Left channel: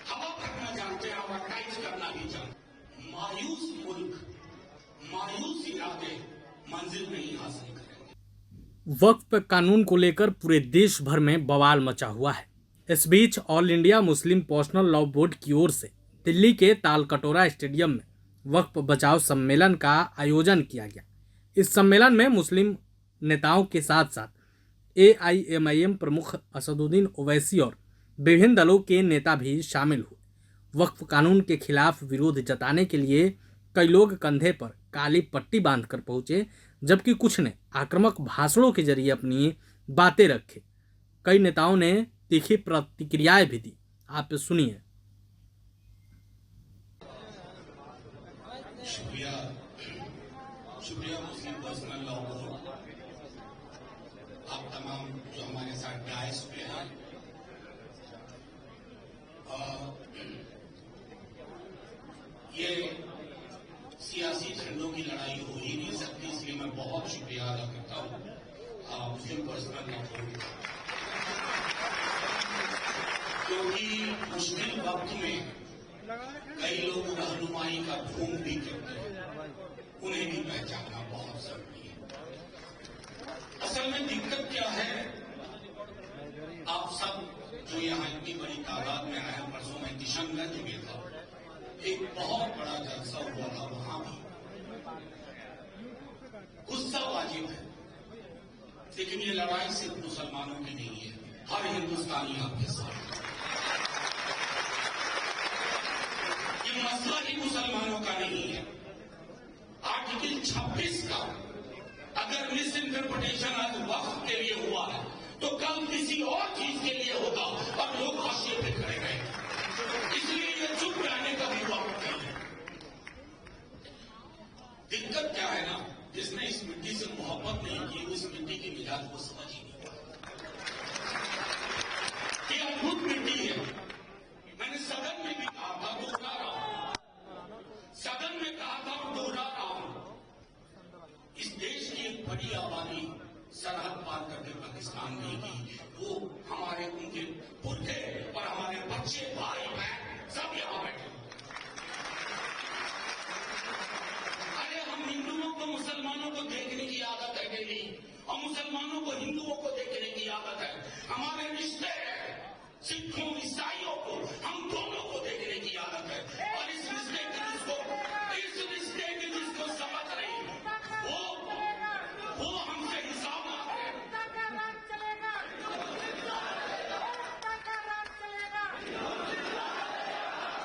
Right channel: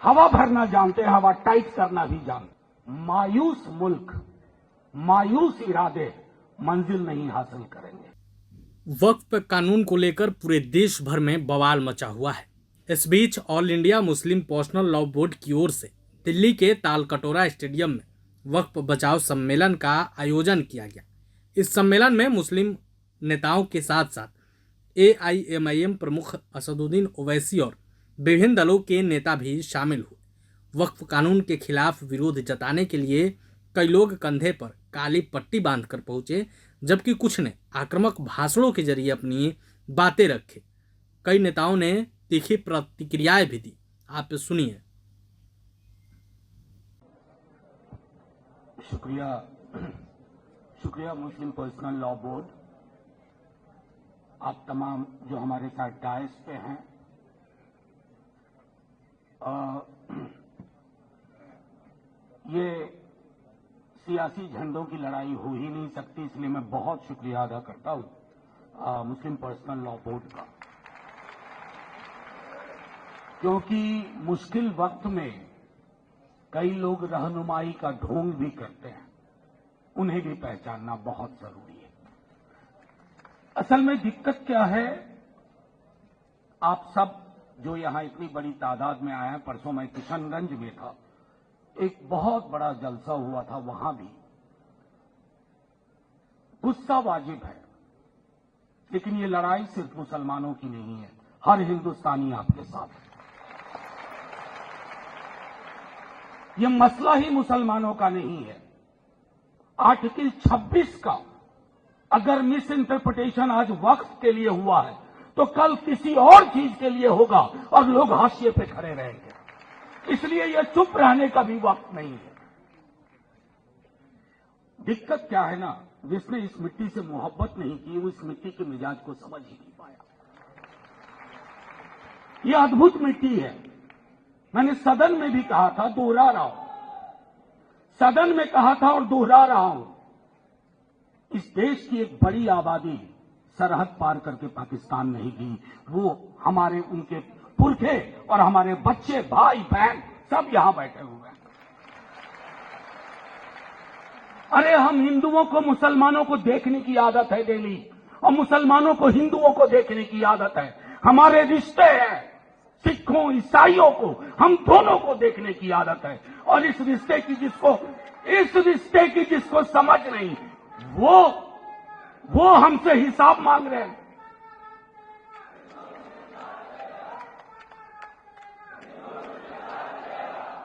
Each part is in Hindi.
हवा भरना जानते हैं, हवा टाइट करना भी जानते। मायूस मुल्क, मायूस इरादे मंजिल नहीं हासिल करेंगे। वक्फ कानून को लेकर पूरे देश भर में बवाल मचा हुआ है। इस बीच all India Muslim personal law board की ओर से दिल्ली के तालकटोरा स्टेडियम में वक्फ बचाओ सम्मेलन का आयोजन किया गया। इस सम्मेलन में मुस्लिम नेताओं के साथ साथ AIMIM प्रमुख असदुद्दीन ओवैसी और विभिन्न दलों के नेता भी शामिल हुए। वक्फ कानून के खिलाफ विरोध जताने के लिए कई लोग कंधे पर काली पट्टी बांधकर पहुंचे, जबकि कुछ ने आक्रामक भाषणों के जरिए अपनी बातें रखी। कई नेताओं ने तीखी प्रतिक्रियाएं भी दी। आप सुनिए। शुक्रिया मुस्लिम पर्सनल लॉ बोर्ड, आप तमाम जो हमारे साथ डायस पे हैं। ये सियासी झंडों की लड़ाई हो ही नहीं सकती, इसलिए मैं बहुत शुक्रिया अदा करता हूं मुस्लिम पर्सनल लॉ बोर्ड का, क्योंकि मुश्किल वक्त में कई लोग रहनुमाई का ढोंग भी करते हैं, उन्हें भी पहचानना बहुत जरूरी है। असल में दिक्कत क्या है, आप सब जो यहां इतनी बड़ी तादाद में आया, परसों मैं किशनगंज में था, एक बहुत बड़ा जलसा हुआ था, वहां भी गुस्सा वाजिब है, लेकिन ये लड़ाई सिर्फ मुसलमानों की नहीं है, हर हिंदुस्तानी आपके साथ है। ये मसला ही मुसलमानों का नहीं है। आर्टिकल 26 का अगर मिस इंटरप्रिटेशन आज वक्फ के लिए हुआ है, तो कल किसी और चीज के लिए होगा और लोग हाशिए पे खड़े रहेंगे। इसलिए यह चुप रहने का भी वक्त नहीं है। दिक्कत क्या है ना, जिसने इस मिट्टी से मोहब्बत नहीं की, वो इस मिट्टी के मिजाज को समझ ही नहीं पाता। यह अद्भुत मिट्टी है। मैंने सदन में भी कहा था, दोहरा रहा हूं, सदन में कहा था और दोहरा रहा हूं, इस देश की एक बड़ी आबादी सरहद पार करके पाकिस्तान नहीं गई। वो हमारे उनके पुरखे और हमारे बच्चे, भाई बहन सब यहां बैठे हुए हैं। अरे हम हिंदुओं को मुसलमानों को देखने की आदत है डेली, और मुसलमानों को हिंदुओं को देखने की आदत है। हमारे रिश्ते हैं, सिखों ईसाइयों को, हम दोनों को देखने की आदत है। और इस रिश्ते की जिसको समझ नहीं, वो हमसे हिसाब मांग रहे हैं।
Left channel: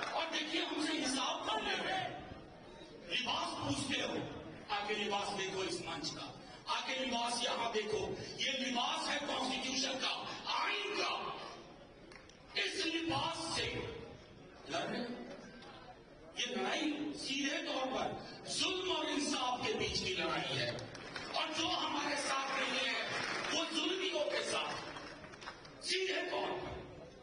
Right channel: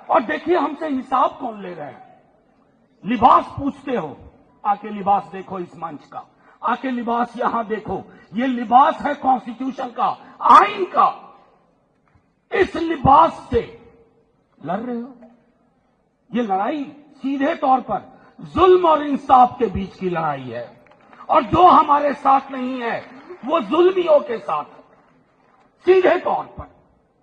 और देखिए हमसे हिसाब कौन ले रहे हैं। लिबास पूछते हो, आके लिबास देखो इस मंच का, आके लिबास यहां देखो। ये लिबास है कॉन्स्टिट्यूशन का, आइन का। इस लिबास से लड़ रहे हो। ये लड़ाई सीधे तौर पर जुल्म और इंसाफ के बीच की लड़ाई है, और जो हमारे साथ नहीं है वो जुल्मियों के साथ है, सीधे तौर पर।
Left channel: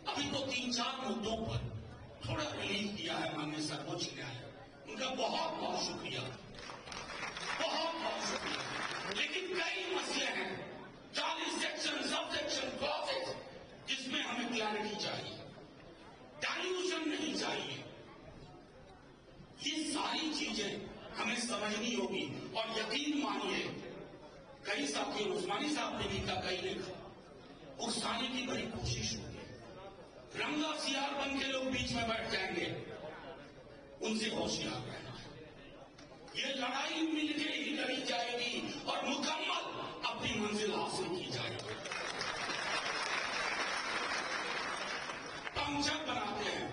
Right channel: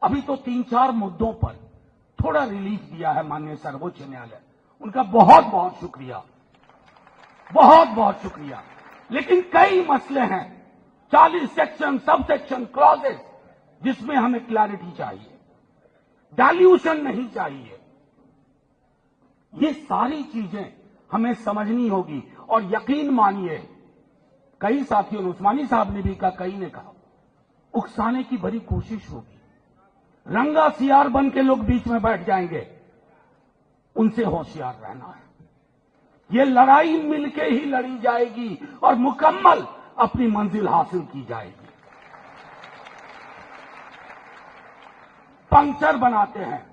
अभी तो 3-4 मुद्दों पर थोड़ा रिलीफ दिया है माननीय सर्वोच्च न्यायालय, उनका बहुत बहुत शुक्रिया, बहुत बहुत शुक्रिया। लेकिन कई मसले हैं, 40 सेक्शन, सब सेक्शन, क्लॉजेस, जिसमें हमें क्लैरिटी चाहिए, डाइल्यूशन नहीं चाहिए। ये सारी चीजें हमें समझनी होगी। और यकीन मानिए, कई साथियों, उस्मानी साहब ने भी कहा, कई ने कहा, उकसाने की बड़ी कोशिश होगी, रंगा सियार बन के लोग बीच में बैठ जाएंगे। उनसे होशियार रहना है। ये लड़ाई मिलके ही लड़ी जाएगी और मुकम्मल अपनी मंजिल हासिल की जाएगी। पंक्चर बनाते हैं,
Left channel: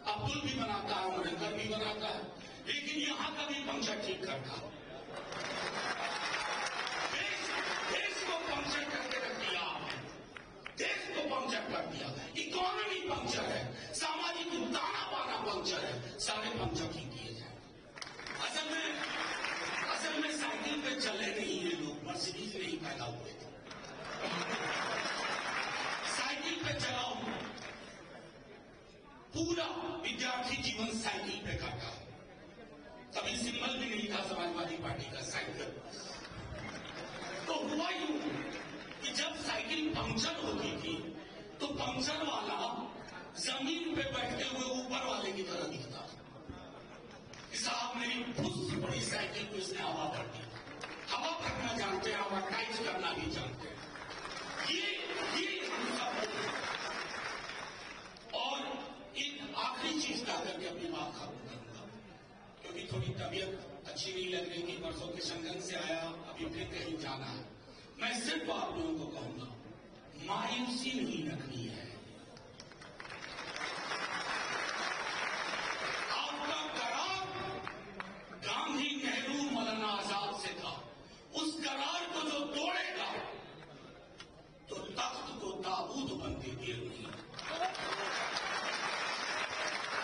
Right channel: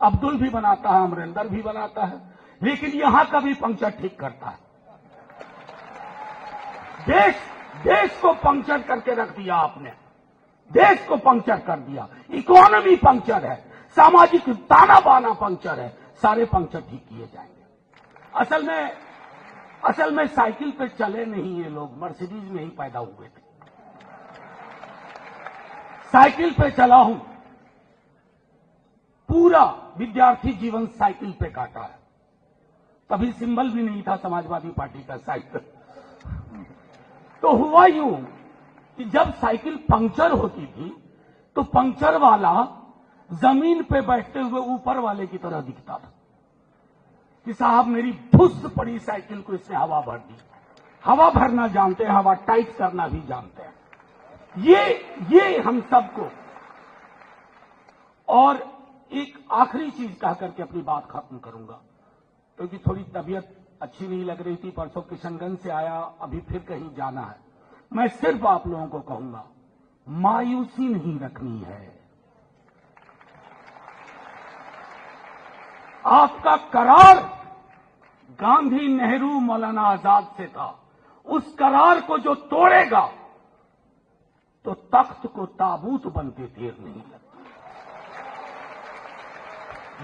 अब्दुल भी बनाता है, अमरिंदर भी बनाता है, लेकिन यहां का भी पंक्चर ठीक करता है। देश को पंक्चर करके रख दिया आपने, देश को पंक्चर कर दिया। इकोनॉमी पंक्चर है, सामाजिक ताना बाना पंक्चर है, सारे पंक्चर ठीक किए जाए। असल में साइकिल पे चले नहीं ये लोग, मर्सिडीज में ही पैदा हुए थे। साइकिल पे चला हूं, पूरा विद्यार्थी जीवन साइकिल पे काटा है। कभी सिंबल भी नहीं था समाजवादी पार्टी का साइकिल। तो हुआ यूं कि जब साइकिल पंक्चर होती थी तो पंक्चर वाला जमीन पे बैठते हुए ऊपर वाले की तरह दिखता था कि साहब मेरी फुस पड़ी साइकिल को इसने हवा भर दी। हवा भरना जानते हैं, हवा टाइट करना भी जानते हैं। ये हम सबको। और एक आखिरी चीज कह करके अपनी बात खत्म करूंगा, क्योंकि थोड़ी तबीयत अच्छी नहीं लग रही थी। परसों किशनगंज से आया, अभी फिर कहीं जाना है। मैं सिर्फ आप लोगों को कहूंगा, मायूसी नहीं रखनी है। आपका करार गांधी, नेहरू, मौलाना आजाद से था। उस करार को जो तोड़ेगा तो तख्त को ताबूत बन के गिर देगा।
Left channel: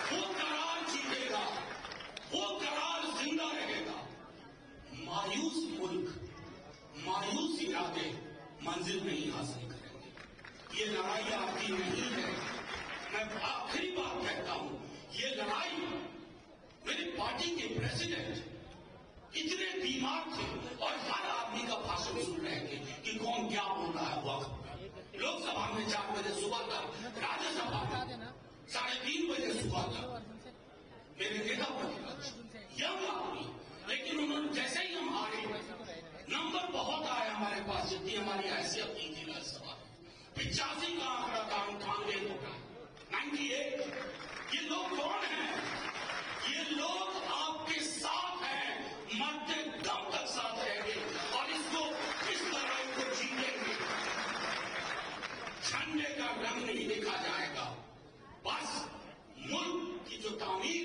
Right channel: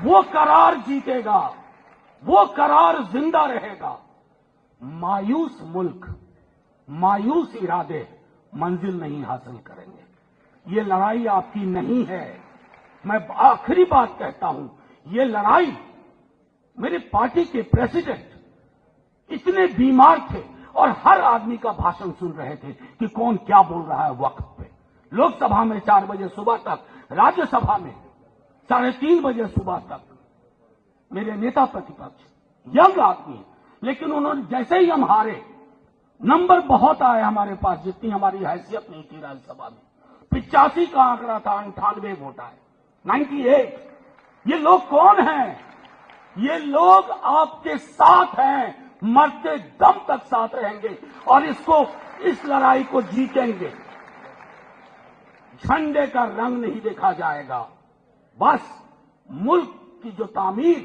वो करार जीतेगा, वो करार जिंदा रहेगा। मायूस मुल्क, मायूस इरादे मंजिल नहीं हासिल करेंगे। ये लड़ाई आपकी नहीं है। मैं आखिरी बात कहता हूं, ये लड़ाई मेरे पार्टी के प्रेसिडेंट इतने बीमार थे और हर आदमी का भाषण सुन रहे थे कि कौन क्या बोल रहा है वक्त पे। लोकसभा में 4 बजे सुबह तक, राज्यसभा में 3:30 बजे सुबह तक मेरे नेता प्रतिपक्ष यंग आदमी, लेकिन उन्होंने जैसे ही हम हारे, नंबर बहुत आए हमारे पास, जितनी हमारी हैसियत नहीं थी राज्यसभा में। 85 का आंकड़ा था, 98 वोटा, 98। ये लोग कौन हैं? ये लोग आपके साथ हैं, मरते दम तक साथ रहेंगे और इस लड़ाई को जीतेंगे। झंडे का रंग नहीं देखा जाएगा, बस मुल्क की जो तामीर,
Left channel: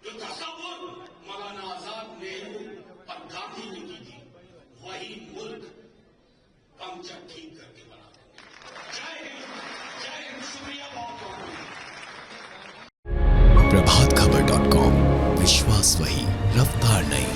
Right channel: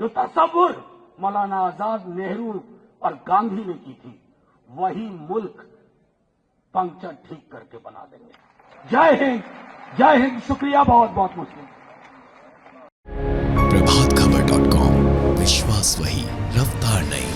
जो तसव्वुर मौलाना आजाद, नेहरू और गांधी ने की थी, वही मुल्क पंक्चर ठीक करके बना देंगे। जय हिंद, जय हिंद। शुक्रिया बहुत बहुत मुझे। प्रभातखबर.com, विश्वास वही, रफ्तार नहीं।